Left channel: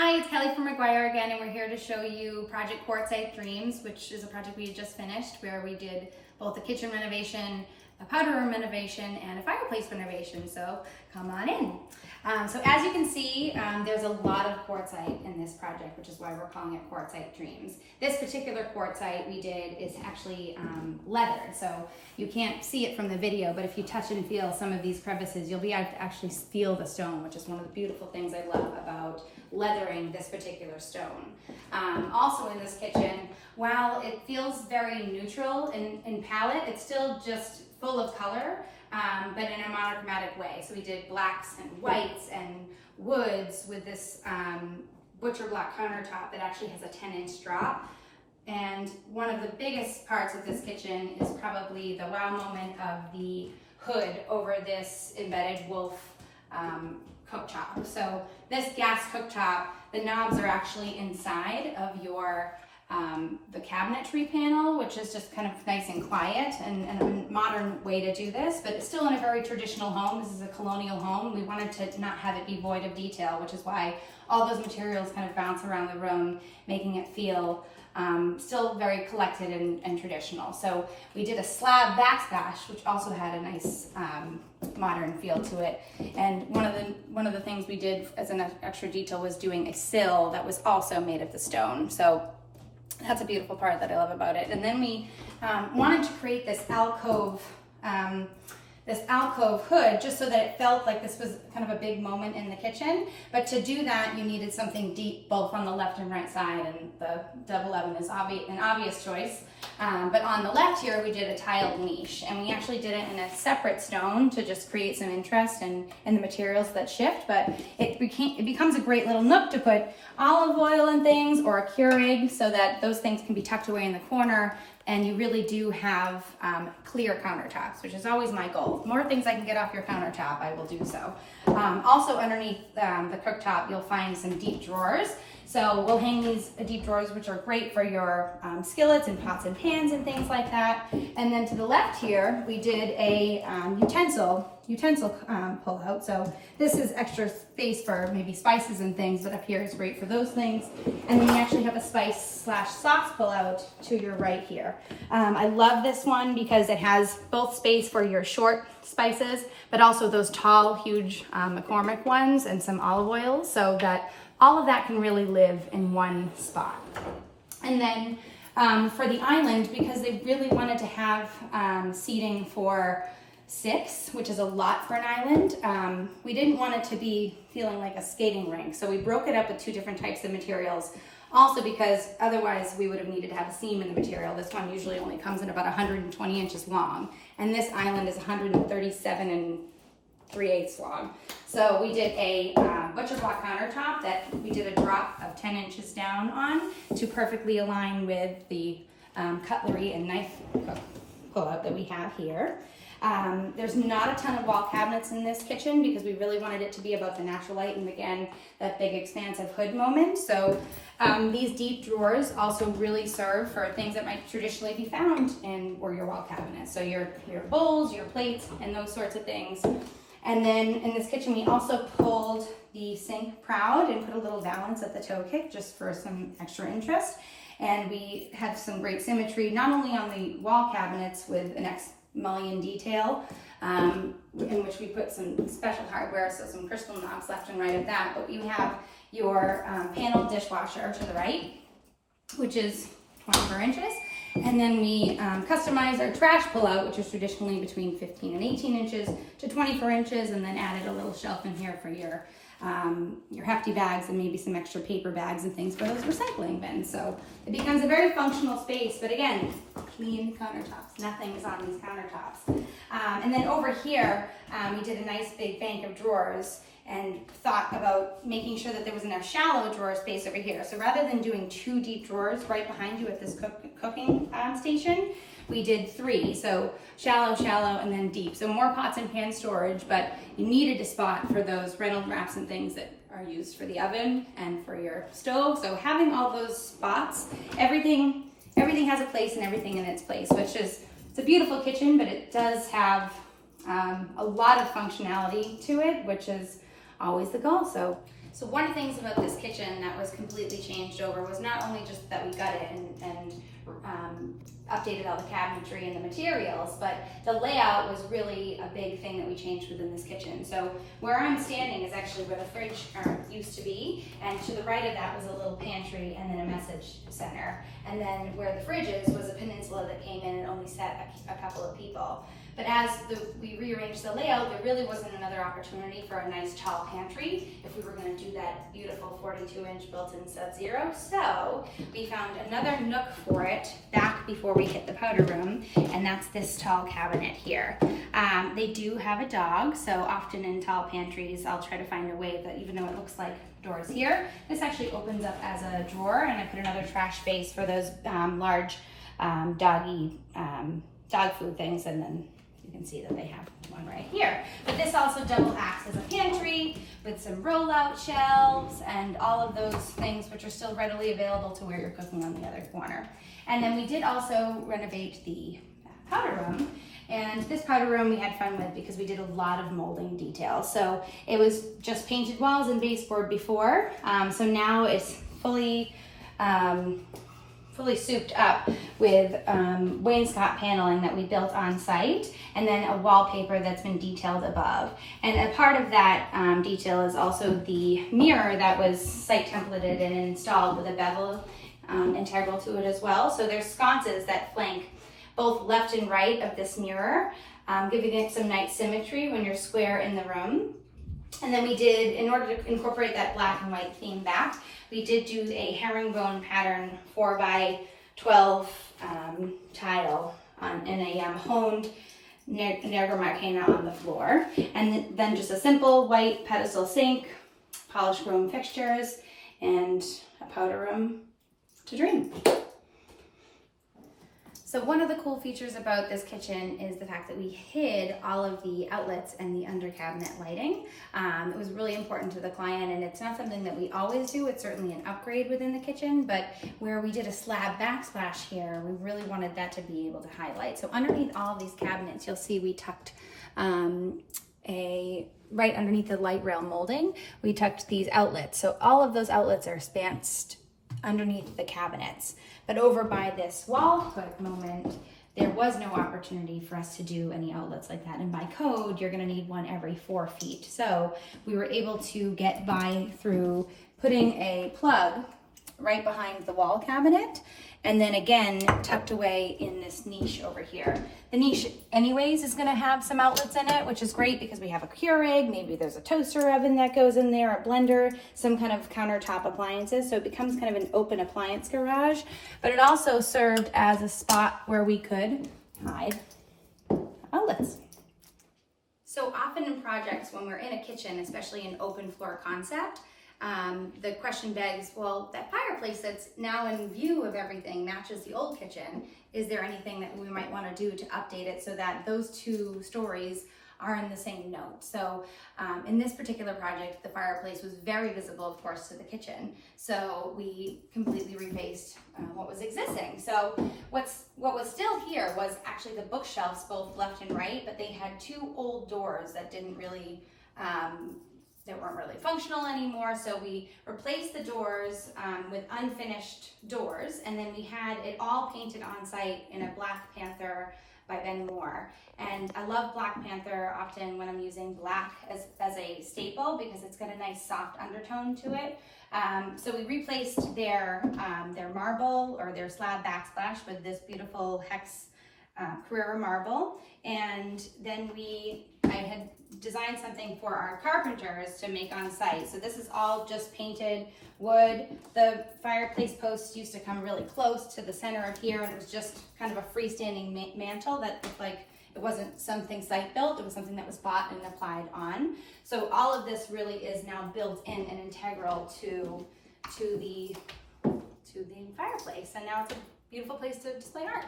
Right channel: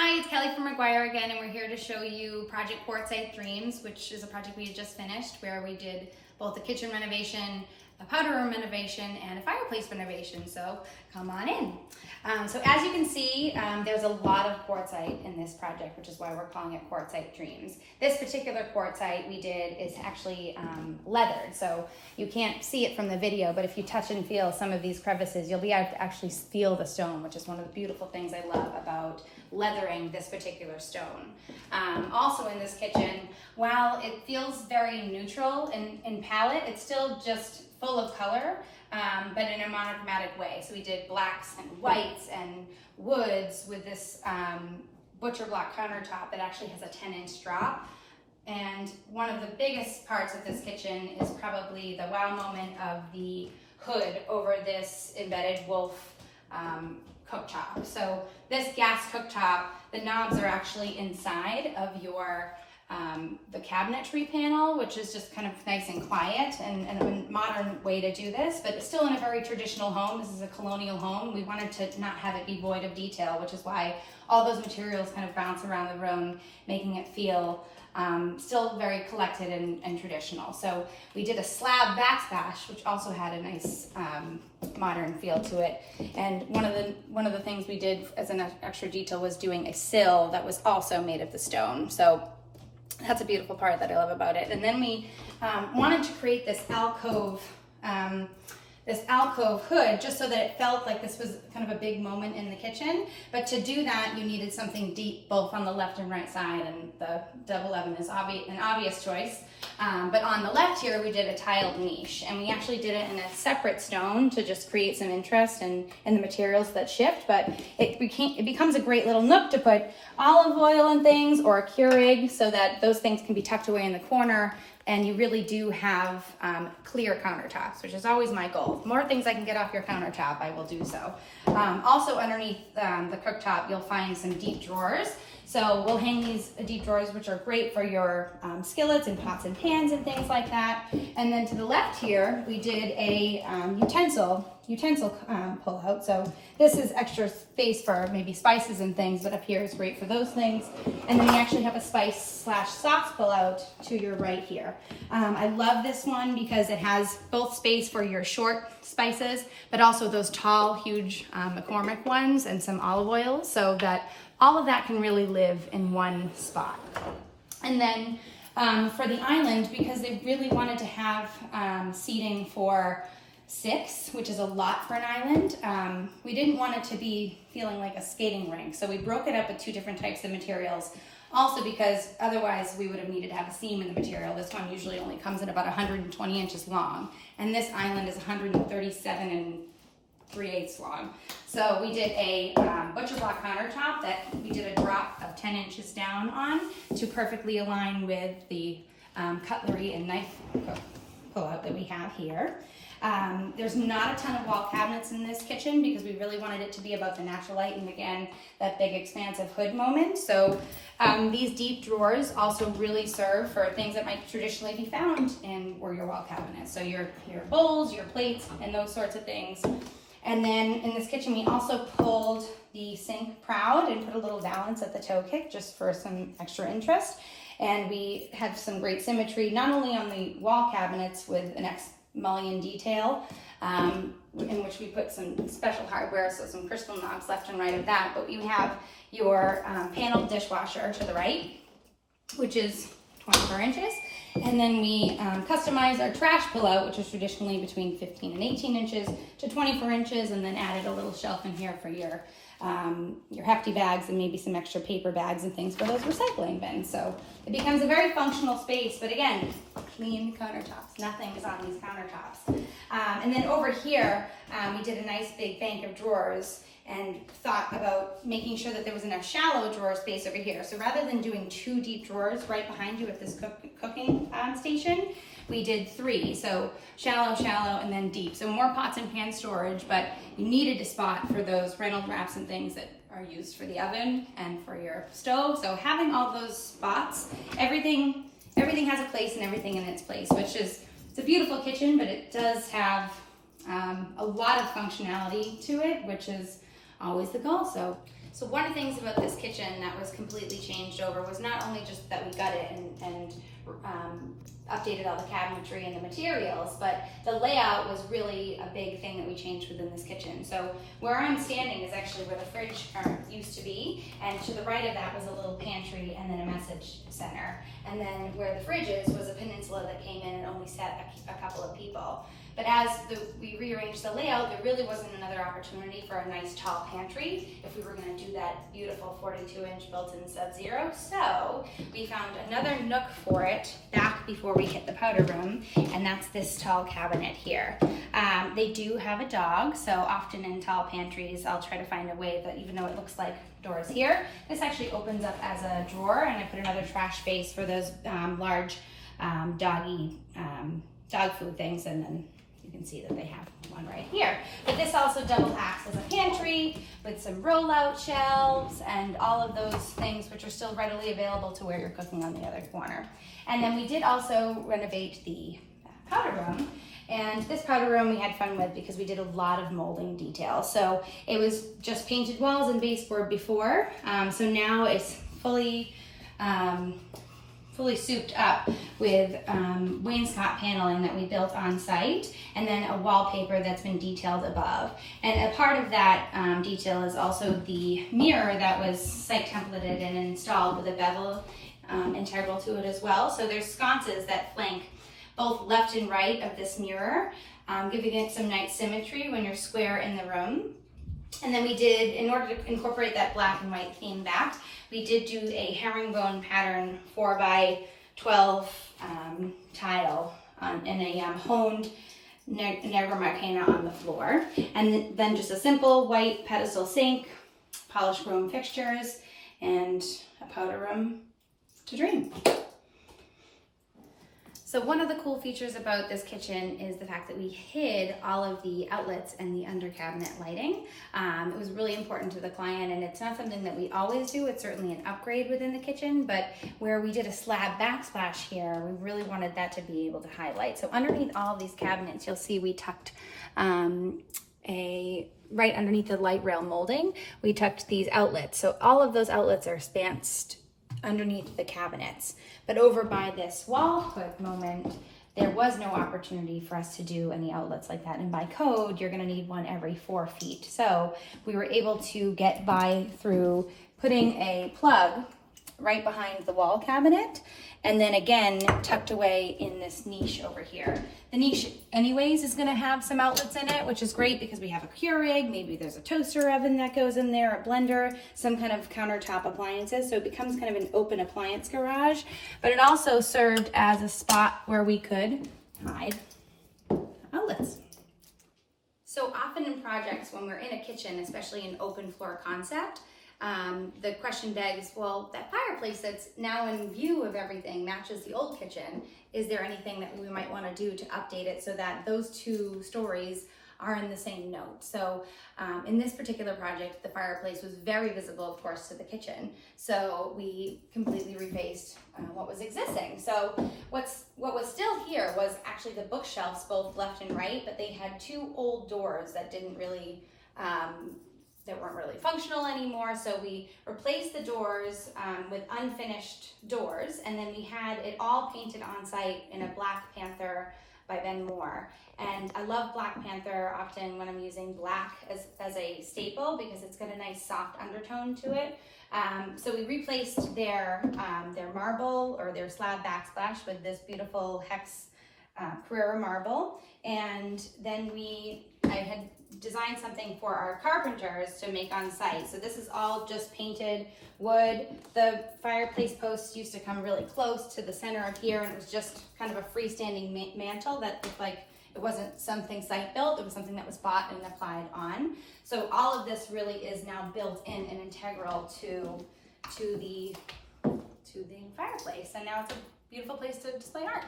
Hi, it's Kelly from McGuire again, and we're here to show you Project Quartzite Dreams, which is a project we had just finished where we did both a kitchen renovation, a powder room renovation, and a fireplace renovation, so come on in. So as you can see, there's a lot of quartzite in this project, which is why we're calling it Quartzite Dreams. This particular quartzite we did is actually leathered, so you can't see it from the video, but if you touch and feel some of these crevices, you'll be able to actually feel the stone, which is one of the beautiful things I love about leathering this particular stone. Also in this kitchen, while it feels very neutral in palette, it's still just full of color, but in a monochromatic way. So we did blacks and whites and woods with this butcher block countertop that actually has a 10-inch drop. And one of the biggest parts of this kitchen is probably the wow moment of the hood over this embedded wolf cooktop. So this gas cooktop, the knobs are actually inside of your the cabinetry panel, which is just kind of nice and quiet and a modern way to do this, but it's still in a very traditional home. This is a colonial home. We wanted to not have it be void of detail, which is why all those materials kind of bounce around the room, making it feel still very collected and traditional. So we did a slab backsplash, which also had a nice modern feel to it. And one of the things we did as an extra detail was doing a sill that was also made of the stone. So that's a beautiful part that I love about it. And then we wanted to create this alcove hood just so that it felt like this was kind of a big moment in the kitchen. But to do that, you needed something deep both on the left and right side, and the double oven is an obvious choice. But on the left here, we did a tiled niche, and we actually did it in a separate stone to just create some interest in the materials that shift. But it becomes a great little nook to put olive oil and things, or a Keurig, so that those things can be tucked away in the corner. And you really do have clear countertops, which is always my goal. The more things I can get off your countertop, I will do so. Also underneath the cooktop, you'll find some deep drawers. So we'll hang these deep drawers, which are great for your skillets and pots and pans and things like that. And then to the left here, we did a utensil pull out. So this is extra space for maybe spices and things, but up here is great for those things. And then we actually have a spice/sauce pull out to your right here. I love this one because it has both space for your short spices, but also those tall, huge McCormick ones and some olive oils, so that all of that can really live in one spot. And then for the island, because they really wanted to have seating for 6, which is a lot for an island, we didn't want it to be feeling like a skating rink. So we broke it up with 2 different types of materials. Also because otherwise we would have needed to have a seam in the material. This one usually only comes in about 120 inches long. And this island is 137 3/8 long. So we did a butcher block countertop that we did a drop of 10 inches down on to perfectly align with the cutlery and knife pull-out that we have here. There's not a ton of wall cabinets in this kitchen because we really wanted it to be about the natural light and, again, that big expansive hood moment. So these deep drawers also really serve for things that might traditionally be found in your wall cabinets. So your bowls, your plates, and those sorts of things. And then in this kitchen, we also pulled the sink proud and put a little valance at the toe kick just for some extra interest. And we had some great symmetry, not only on the wall cabinets with an mullion detail, in which we put some special hardware, so some crystal knobs left and right of that, but you have your panel dishwasher to the right, which is 24 inches. And then we customized our trash pullout, which is traditionally between 15 and 18 inches to 24 inches, and then added a little shelf in here for your hefty bags and maybe some extra paper bags and things for those recycling bins. So it becomes a very functional space, but again, clean countertops. Nothing is on these countertops. And then over here, we did a nice big bank of drawers and thought about making sure that there was enough shallow drawer space over here. So rather than doing 2 deep drawers right behind you at this cooking station, we did 3. So shallow, and then deep. So more pots and pan storage, but you needed a spot for those Reynolds wraps and things that are used for the oven and for your stove. So having all those spots, everything has a place and everything in its place, which is, it's a beautiful kitchen, but it does have a lot of functionality to it, which is always the goal. So So one of the things about this kitchen that was completely changed over was not only just that we got it and updated all the cabinetry and the materials, but the layout was really a big thing that we changed within this kitchen. So where I'm standing is actually where the fridge used to be, and to the right of that was a little pantry and then a message center. And then where the fridge is was a peninsula that came in and only sat a couple of people. But as we rearranged the layout, there really wasn't another opportunity for a nice tall pantry if we were going to do that beautiful 42-inch built-in Sub-Zero. So we found another nook for it back before we hit the powder room, and that's this tall cabinet here. They do have a dog, so often in tall pantries, I'll try to find a way that, even though it looks like doors here, this actually opens up as a drawer, and I put another trash base for those large dog food things, and then you can see that they have one right here. But this also double acts as a pantry with some rollout shelves and all of those things which are still readily available to where you're cooking on the other corner. And then we did also renovate the powder room. And this powder room we had fun with because we did a lot of molding details. So it was just painted walls and baseboard before. So now it's fully souped up with wainscot paneling that we built on site, and then a wallpaper that's been detailed above. And a part of that detail is also the mirror that was site templated and installed with a bevel integral to it as well. So there's sconces that flank both left and right of this mirror, giving it some nice symmetry when you're square in the room. And then we did, in order to incorporate that black and white theme back, we did do a herringbone pattern 4x12 tile in a honed Nerva Marcana on the floor. And then just a simple white pedestal sink, polished chrome fixtures, and a powder room to dream. So one of the cool features about this kitchen is the fact that we hid all of the outlets and the under cabinet lighting. It was really important to the client, and it's not something that we always do. It's certainly an upgrade within the kitchen, but where we did a slab backsplash here, we really wanted that to be able to highlight. So underneath all of these cabinets, you'll see we tucked right underneath the light rail molding, we tucked these outlets. So all of those outlets are spanced underneath the cabinets. But over by this wall hook moment, there was no opportunity for us to do any outlets like that. And by code, you're gonna need one every 4 feet. So we were able to get by through putting a plug right behind the wall cabinet, and then again, tucked away in this niche over here. The niche anyways is gonna have some outlets in it, which is great because we have a Keurig, maybe there's a toaster oven that goes in there, a blender, some kind of countertop appliances. So it becomes kind of an open appliance garage, but it also served as a spot where we could hide outlets. So often in projects, when we're in a kitchen, especially an open floor concept, the question begs, well, that fireplace that's now in view of everything matches the old kitchen. Is there anything that we might want to do to update it so that those two stories are in the same note? So in this particular project, the fireplace was very visible, of course, to the kitchen. So we completely refaced what was existing. So what was still here was actually the bookshelves, both left and right, but they had two old doors that didn't really that weren't really functional anymore. So we replaced the doors with unfinished doors, and then we had it all painted on site in a Black Panther by Ben Moore. And I love Black Panther often when I'm using black as a staple because it's got a nice soft undertone to it. So we replaced their marble or their slab backsplash with this beautiful hex Carrera marble. And then I had designed something for our carpenters to make on site. So this is all just painted wood. The fireplace posts used to come really close to the center of here, and it was just kind of a freestanding mantle that looked like it wasn't something site built, it was something that was bought and applied on. So all of this really is now built in and integral to the fireplace. And now it's a beautiful place to display art.